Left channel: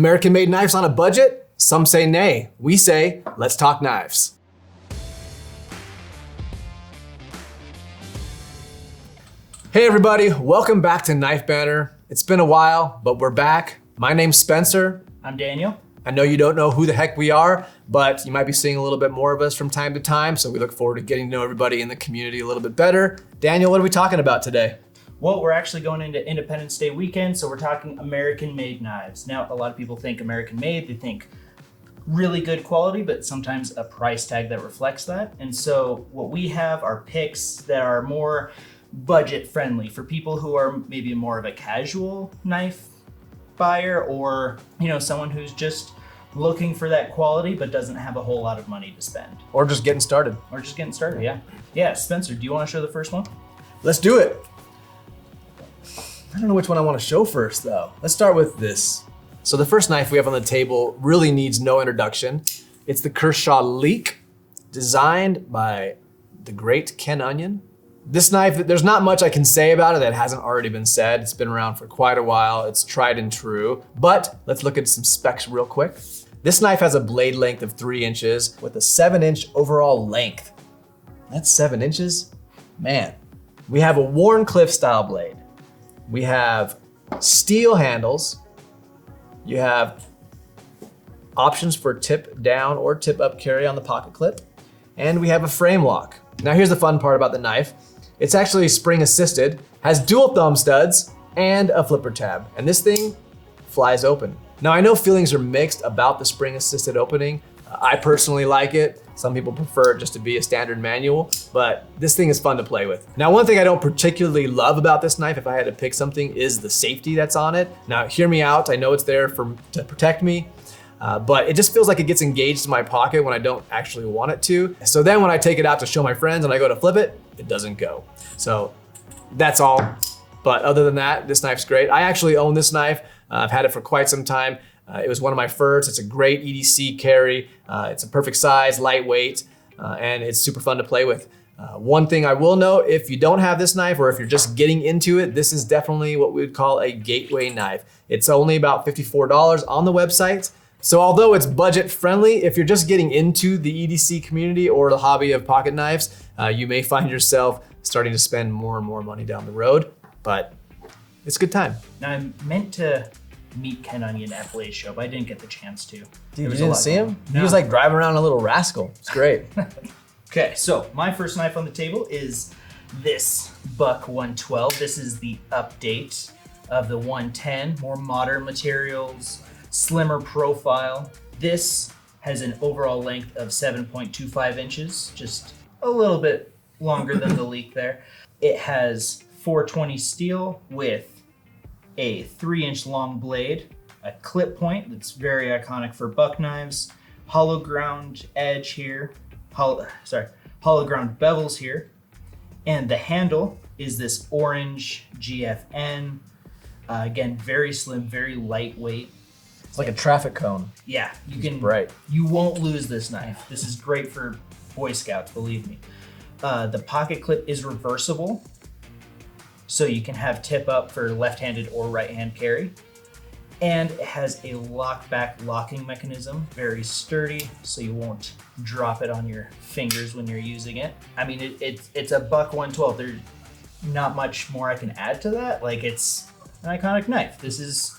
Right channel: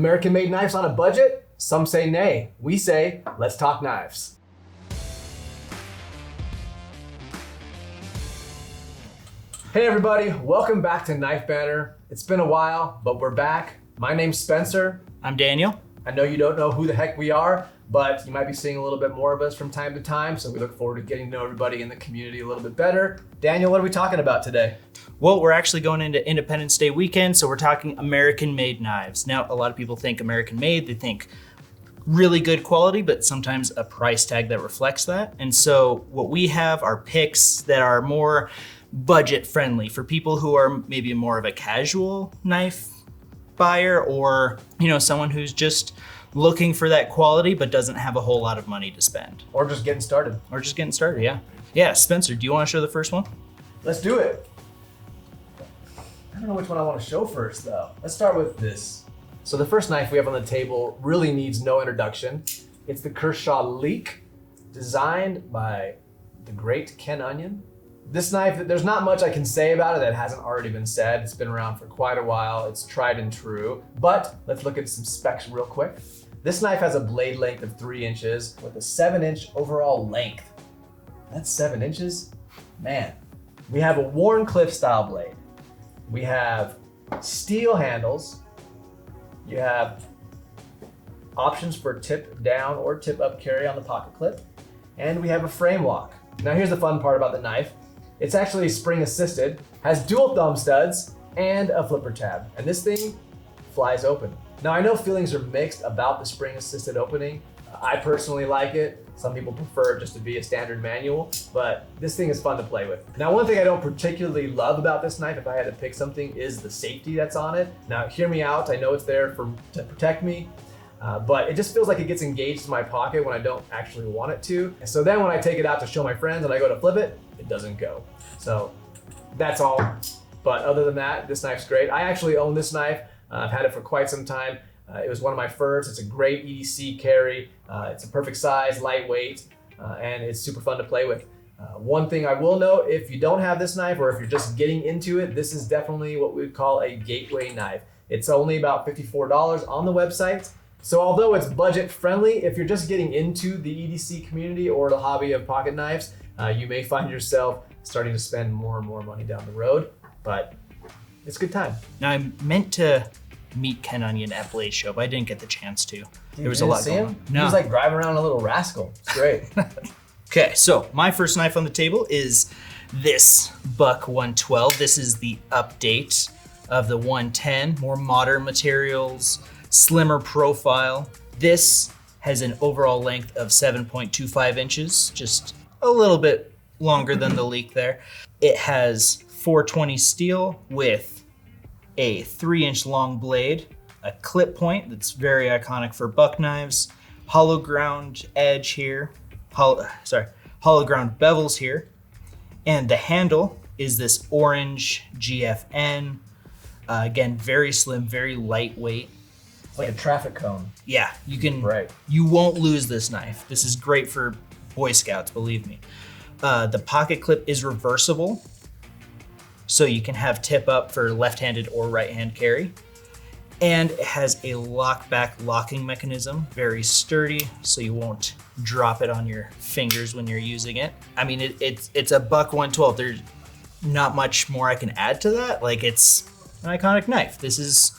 American made knives on a budget? Some say nay. We say, let's talk knives. Hey everybody, welcome back to Knife Banter. It's been a while, but we're back. My name's Spencer. I'm Daniel. I know you don't know who the heck we are, but you might be seeing a little bit more of us from time to time, so we look forward to getting to know everybody in the community a little bit better. Daniel, what are we talking about today? Well, we're actually going into Independence Day weekend, so we're talking American-made knives. Now, a lot of people think American-made, they think really good quality, but sometimes a price tag that reflects that. And so what we have are picks that are more budget friendly for people who are maybe more of a casual knife buyer, or someone who's just looking for that quality but doesn't have a whole lot of money to spend. Or just getting started. Yeah, Spencer, do you want to show the first one? Let's do it. I don't know which one I want to show first though. Let's start with this. So the first knife we have on the table really needs no introduction. It's the Kershaw Leek, designed by the great Ken Onion. This knife, there's not much I can say about it that hasn't already been said. It's been around for quite a while. It's tried and true, but let's look at some specs real quick. This knife has a blade length of 3 inches with a 7-inch overall length. That's 7 inches? Man. We have a Warncliffe style blade. We have steel handles. You have options for tip down or tip up carry on the pocket clip. And we have a frame lock. Now here's the fun part about the knife. It's actually spring assisted, has dual thumb studs, and a flipper tab. And this thing flies open. Now I know feelings are mixed about the spring assisted opening. I personally like it. Some people prefer it just to be a standard manual, but this thing is fun to play with. Now, one thing I don't particularly love about this knife, if I had to pick something, is the safety that's on it. Now, hear me out. I know it's there to protect me, but it just feels like it gets engaged in my pocket when I don't actually want it to. So then when I take it out to show my friends and I go to flip it, it doesn't go. So that's all. But other than that, this knife's great. I actually own this knife. I've had it for quite some time. It was one of my first. It's a great EDC carry. It's a perfect size, lightweight, and it's super fun to play with. One thing I will note, if you don't have this knife or if you're just getting into it, this is definitely what we would call a gateway knife. It's only about $54 on the website. So although it's budget friendly, if you're just getting into the EDC community or the hobby of pocket knives, you may find yourself starting to spend more and more money down the road, but it's a good time. Now, I meant to meet Ken Onion at Blaze Show, but I didn't get the chance to. Dude, you didn't see him? No. He was like driving around a little rascal. It's great. Okay, so my first knife on the table is this Buck 112. This is the update of the 110, more modern materials, slimmer profile. This has an overall length of 7.25 inches, just a little bit longer than the Leek there. It has 420 steel with a 3-inch long blade, a clip point that's very iconic for buck knives, hollow ground edge here, hollow ground bevels here, and the handle is this orange GFN. Again, very slim, very lightweight. It's like a traffic cone. Yeah, Right. You won't lose this knife. This is great for Boy Scouts, believe me. The pocket clip is reversible, so you can have tip up for left-handed or right-hand carry. And it has a lockback locking mechanism, very sturdy, so you won't drop it on your fingers when you're using it. I mean, it's a Buck 112. There's not much more I can add to that. Like, it's an iconic knife. This is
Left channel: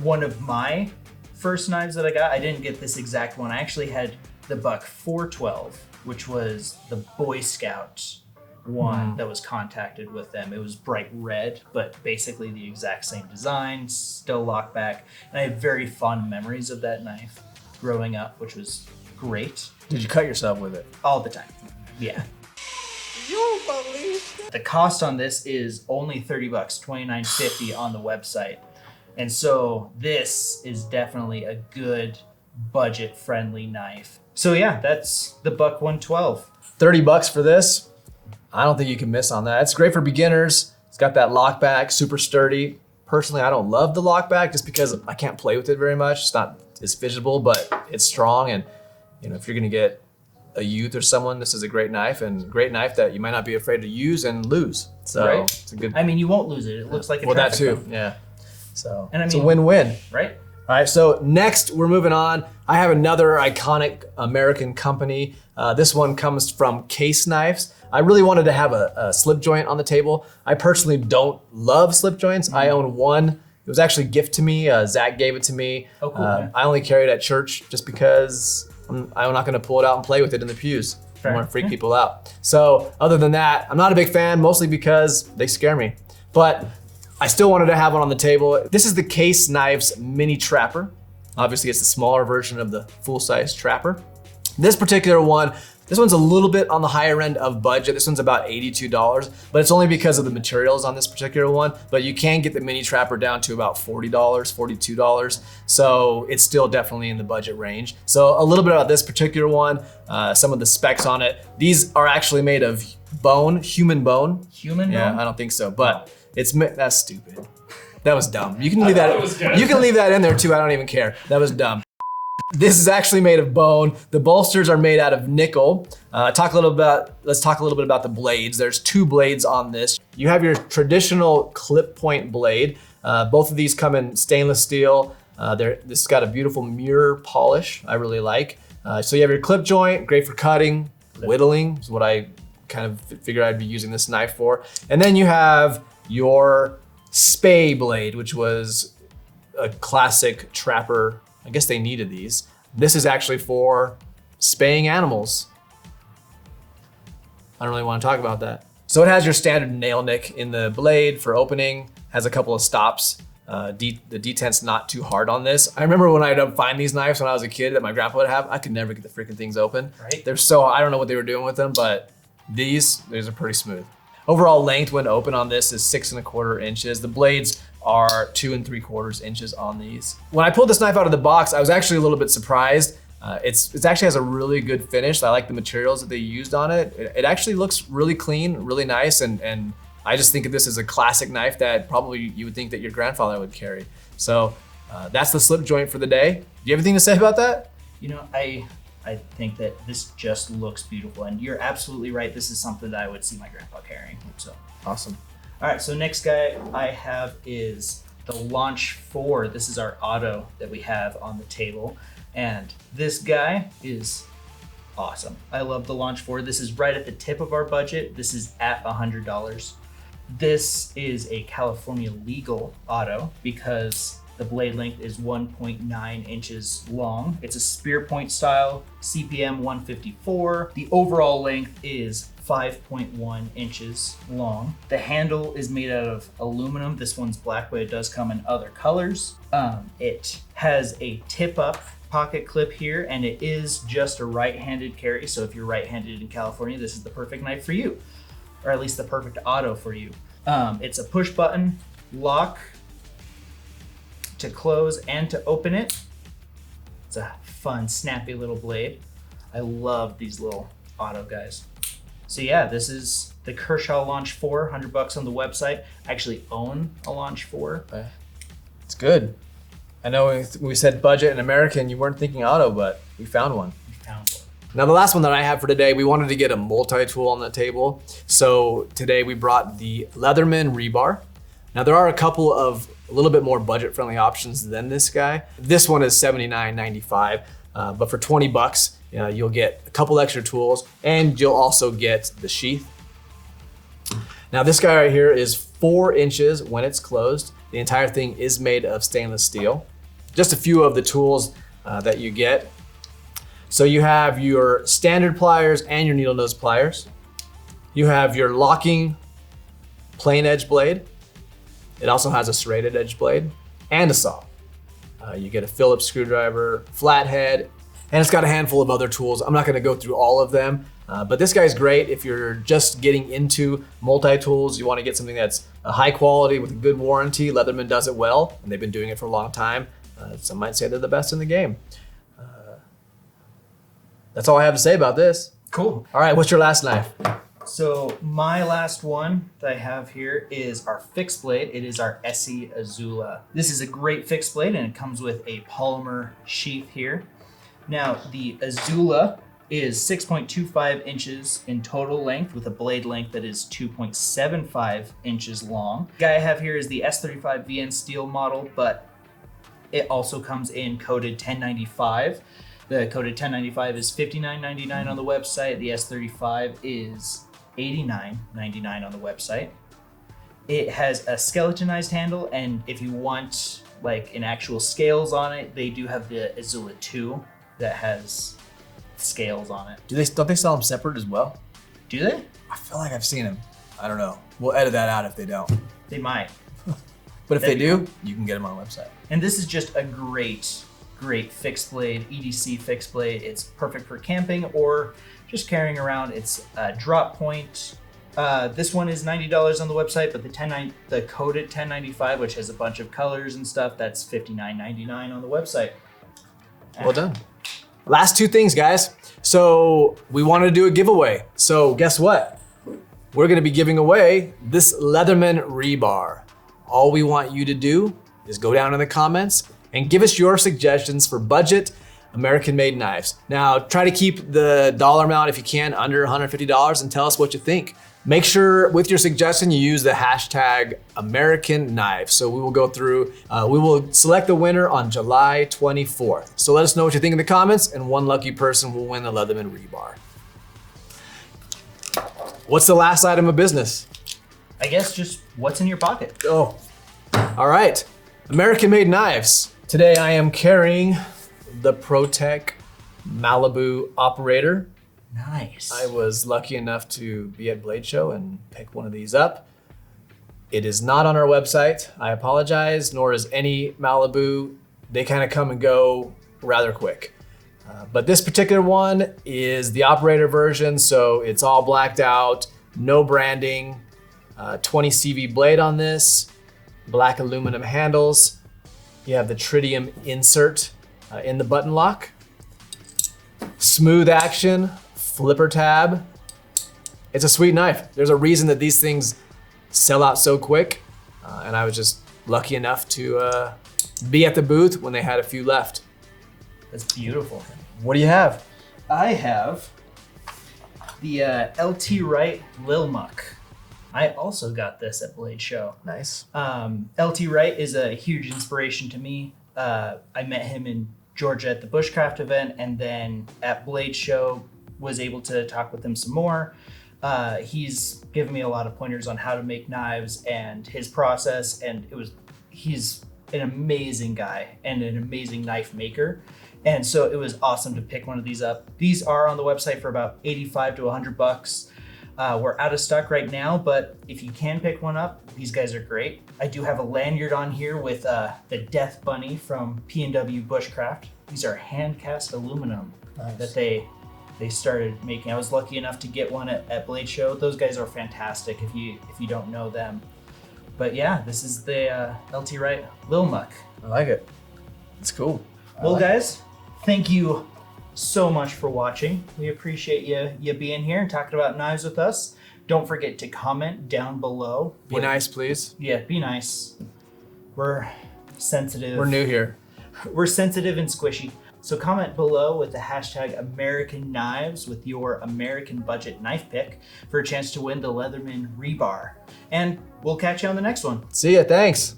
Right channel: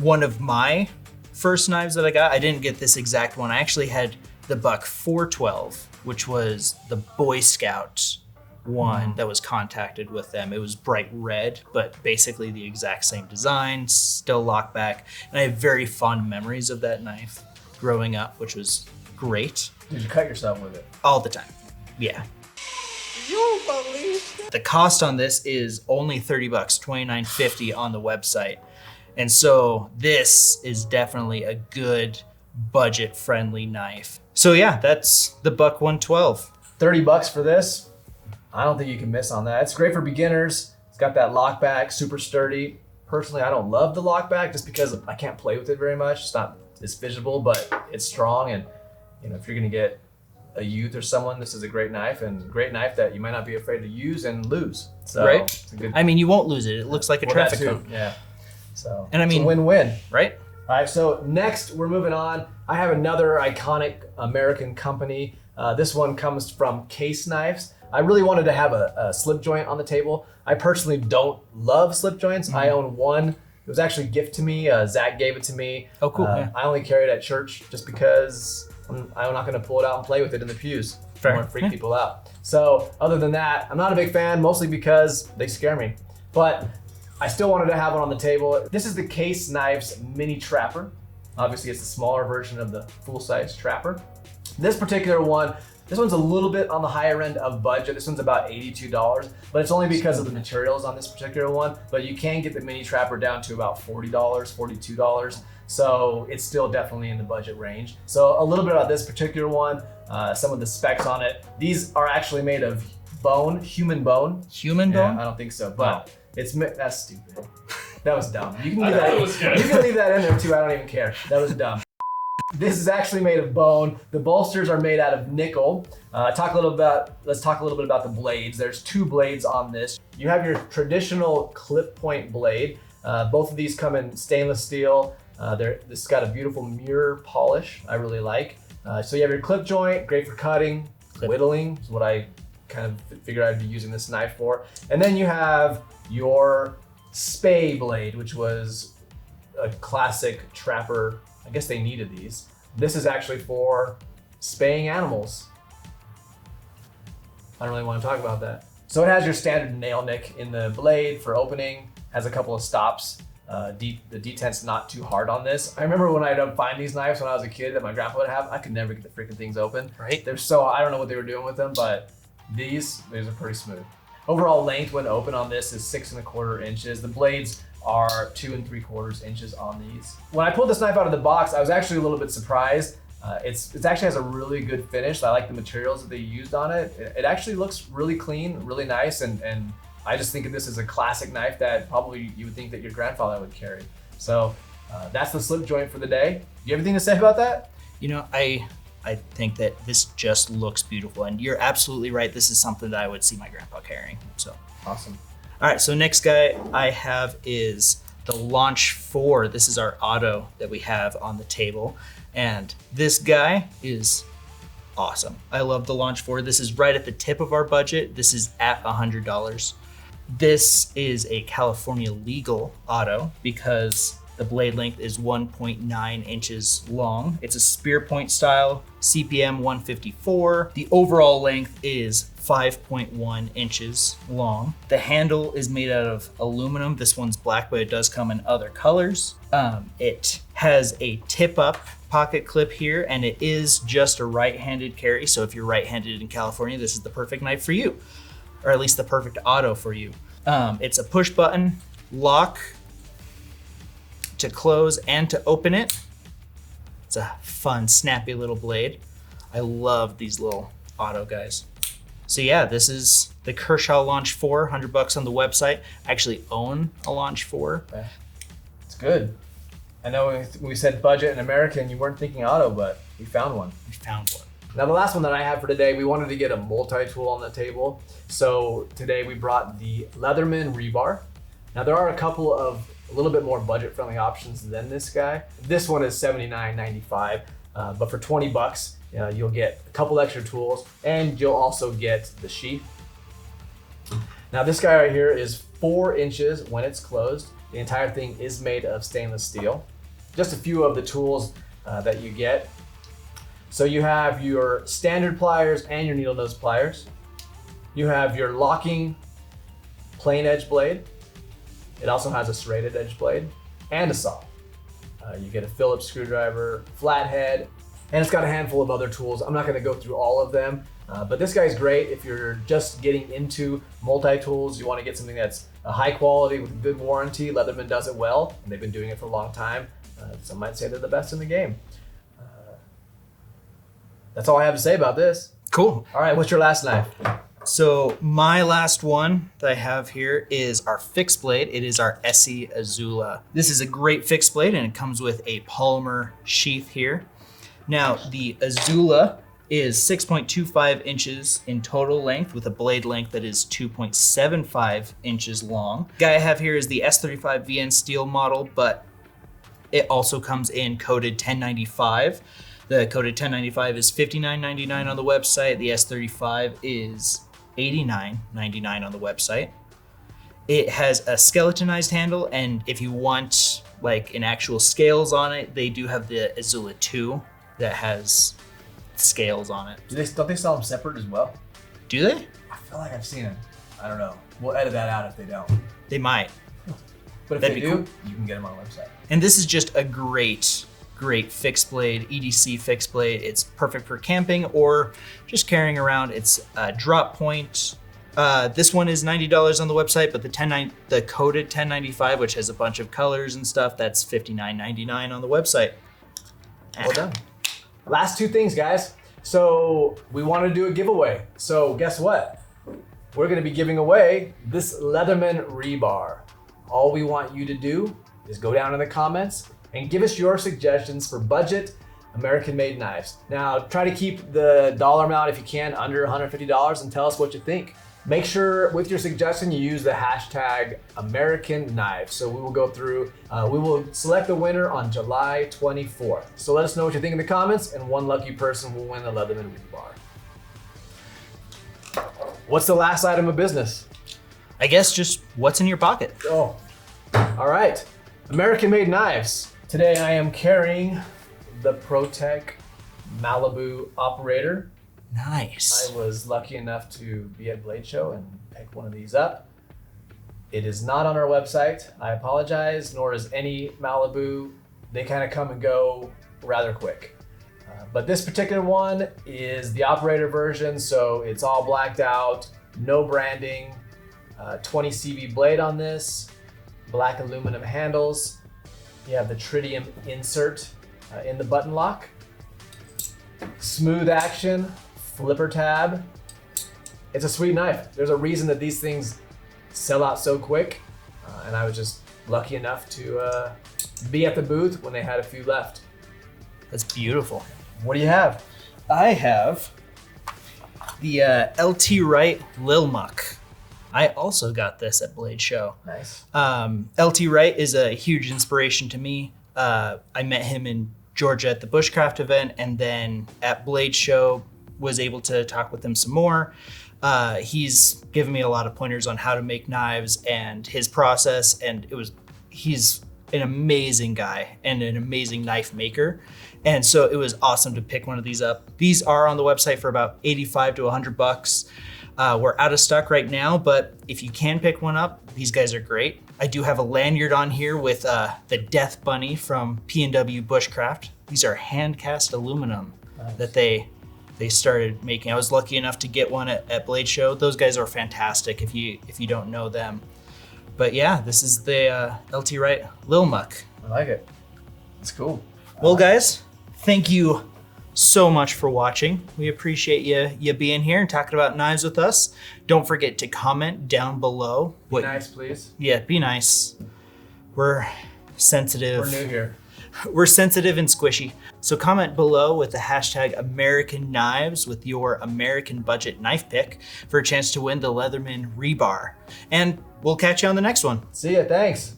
one of my first knives that I got. I didn't get this exact one. I actually had the Buck 412, which was the Boy Scout one that was contacted with them. It was bright red, but basically the exact same design, still lockback. And I have very fond memories of that knife growing up, which was great. Did you cut yourself with it? All the time. Yeah. You believe it? The cost on this is only $30, $29.50 on the website. And so this is definitely a good budget-friendly knife. So yeah, that's the Buck 112. $30 for this. I don't think you can miss on that. It's great for beginners. It's got that lockback, super sturdy. Personally, I don't love the lockback just because I can't play with it very much. It's not as visible, but it's strong. And if you're gonna get a youth or someone, this is a great knife, and great knife that you might not be afraid to use and lose. So right? It's a good. I mean, you won't lose it. It looks like a traffic that too. cone. Yeah. So and I mean, it's a win-win, right? All right, so next we're moving on. I have another iconic American company. This one comes from Case Knives. I really wanted to have a slip joint on the table. I personally don't love slip joints. I own one. It was actually a gift to me. Zach gave it to me. Oh, cool. Yeah. I only carry it at church just because I'm not gonna pull it out and play with it in the pews. I don't want to freak people out. So other than that, I'm not a big fan, mostly because they scare me. But I still wanted to have one on the table. This is the Case Knives Mini Trapper. Obviously, it's the smaller version of the full-size Trapper. This particular one, this one's a little bit on the higher end of budget. This one's about $82, but it's only because of the materials on this particular one. But you can get the Mini Trapper down to about $40, $42. So it's still definitely in the budget range. So a little bit about this particular one, some of the specs on it. These are actually made of bone, human bone. Human bone? Yeah, I don't think so, but that's stupid. That was dumb. You can leave that. You can leave that in there too. I don't even care. That was dumb. This is actually made of bone. The bolsters are made out of nickel. Let's talk a little bit about the blades. There's 2 blades on this. You have your traditional clip point blade. Both of these come in stainless steel. This has got a beautiful mirror polish. I really like. So you have your clip joint, great for cutting, whittling is what I kind of figured I'd be using this knife for. And then you have your spay blade, which was a classic trapper. I guess they needed these. This is actually for spaying animals. I don't really want to talk about that. So it has your standard nail nick in the blade for opening, has a couple of stops. The detent's not too hard on this. I remember when I'd find these knives when I was a kid that my grandpa would have, I could never get the freaking things open. Right. I don't know what they were doing with them, but these are pretty smooth. Overall length when open on this is 6¼ inches. The blades are 2 3/4 inches on these. When I pulled this knife out of the box, I was actually a little bit surprised. It actually has a really good finish. I like the materials that they used on it. It actually looks really clean, really nice, and I just think of this as a classic knife that probably you would think that your grandfather would carry. So that's the slip joint for the day. Do you have anything to say about that? You know, I think that this just looks beautiful, and you're absolutely right. This is something that I would see my grandpa carrying. So Awesome. All right, so next guy I have is the Launch 4. This is our auto that we have on the table. And this guy is awesome. I love the Launch 4. This is right at the tip of our budget. This is at $100. This is a California legal auto because the blade length is 1.9 inches long. It's a spear point style, CPM 154. The overall length is 5.1 inches long. The handle is made out of aluminum. This one's black, but it does come in other colors. It has a tip-up pocket clip here, and it is just a right-handed carry. So if you're right-handed in California, this is the perfect knife for you, or at least the perfect auto for you. It's a push-button lock to close and to open it. It's a fun, snappy little blade. I love these little auto guys. So yeah, this is the Kershaw Launch 4, $100 on the website. I actually own a Launch 4. Okay. It's good. I know when we said budget and American, you weren't thinking auto, but we found one. We found one. Now the last one that I have for today, we wanted to get a multi-tool on the table. So today we brought the Leatherman Rebar. Now there are a couple of a little bit more budget-friendly options than this guy. This one is $79.95, but for $20, you'll get a couple extra tools and you'll also get the sheath. Now this guy right here is 4 inches when it's closed. The entire thing is made of stainless steel. Just a few of the tools that you get. So you have your standard pliers and your needle nose pliers. You have your locking plain edge blade. It also has a serrated edge blade and a saw. You get a Phillips screwdriver, flathead, and it's got a handful of other tools. I'm not gonna go through all of them, but this guy's great if you're just getting into multi-tools. You wanna get something that's a high quality with a good warranty. Leatherman does it well, and they've been doing it for a long time. Some might say they're the best in the game. That's all I have to say about this. Cool. All right, what's your last knife? So my last one that I have here is our fixed blade. It is our ESEE Izula. This is a great fixed blade, and it comes with a polymer sheath here. Now the Izula is 6.25 inches in total length with a blade length that is 2.75 inches long. The guy I have here is the S35 VN steel model, but It also comes in coated 1095. The coated 1095 is $59.99 on the website. The S35 is $89.99 on the website. It has a skeletonized handle, and if you want like an actual scales on it, they do have the Izula 2 that has scales on it. Don't they sell them separate as well? Do they? I feel like I've seen them. I don't know. We'll edit that out if they don't. They might. But if That'd they be do, cool. you can get them on our website. And this is just a great fixed blade, EDC fixed blade. It's perfect for camping or just carrying around. It's a drop point. This one is $90 on the website, but the coated 1095, which has a bunch of colors and stuff, that's $59.99 on the website. Well done. Last two things, guys. So we wanted to do a giveaway. So guess what? We're gonna be giving away this Leatherman Rebar. All we want you to do is go down in the comments and give us your suggestions for budget American-made knives. Now, try to keep the dollar amount, if you can, under $150 and tell us what you think. Make sure with your suggestion you use the hashtag American Knives. So we will go through, we will select the winner on July 24th. So let us know what you think in the comments, and one lucky person will win the Leatherman Rebar. What's the last item of business? I guess just what's in your pocket. Oh, all right. American-made knives. Today I am carrying the Protech Malibu Operator. Nice. I was lucky enough to be at Blade Show and pick one of these up. It is not on our website. I apologize, nor is any Malibu. They kind of come and go rather quick. But this particular one is the Operator version, so it's all blacked out, no branding, 20 CV blade on this, black aluminum handles. You have the tritium insert in the button lock. Smooth action, flipper tab. It's a sweet knife. There's a reason that these things sell out so quick. And I was just lucky enough to be at the booth when they had a few left. That's beautiful. What do you have? I have the LT Wright Lil Muk. I also got this at Blade Show. Nice. LT Wright is a huge inspiration to me. I met him in Georgia at the Bushcraft event, and then at Blade Show was able to talk with him some more. He's given me a lot of pointers on how to make knives and his process, and he's an amazing guy and an amazing knife maker. And so it was awesome to pick one of these up. These are on the website for about 85 to $100. We're out of stock right now, but if you can pick one up, these guys are great. I do have a lanyard on here with the Death Bunny from P&W Bushcraft. These are hand cast aluminum that they started making. I was lucky enough to get one at Blade Show. Those guys are fantastic if you don't know them. But yeah, this is the LT Wright Lil Muk. I like it. It's cool. Well, guys, thank you so much for watching. We appreciate you being here and talking about knives with us. Don't forget to comment down below. Be nice, please. Yeah, be nice. We're sensitive. We're new here. We're sensitive and squishy. So comment below with the hashtag American Knives with your American budget knife pick for a chance to win the Leatherman Rebar. And we'll catch you on the next one. See ya, thanks.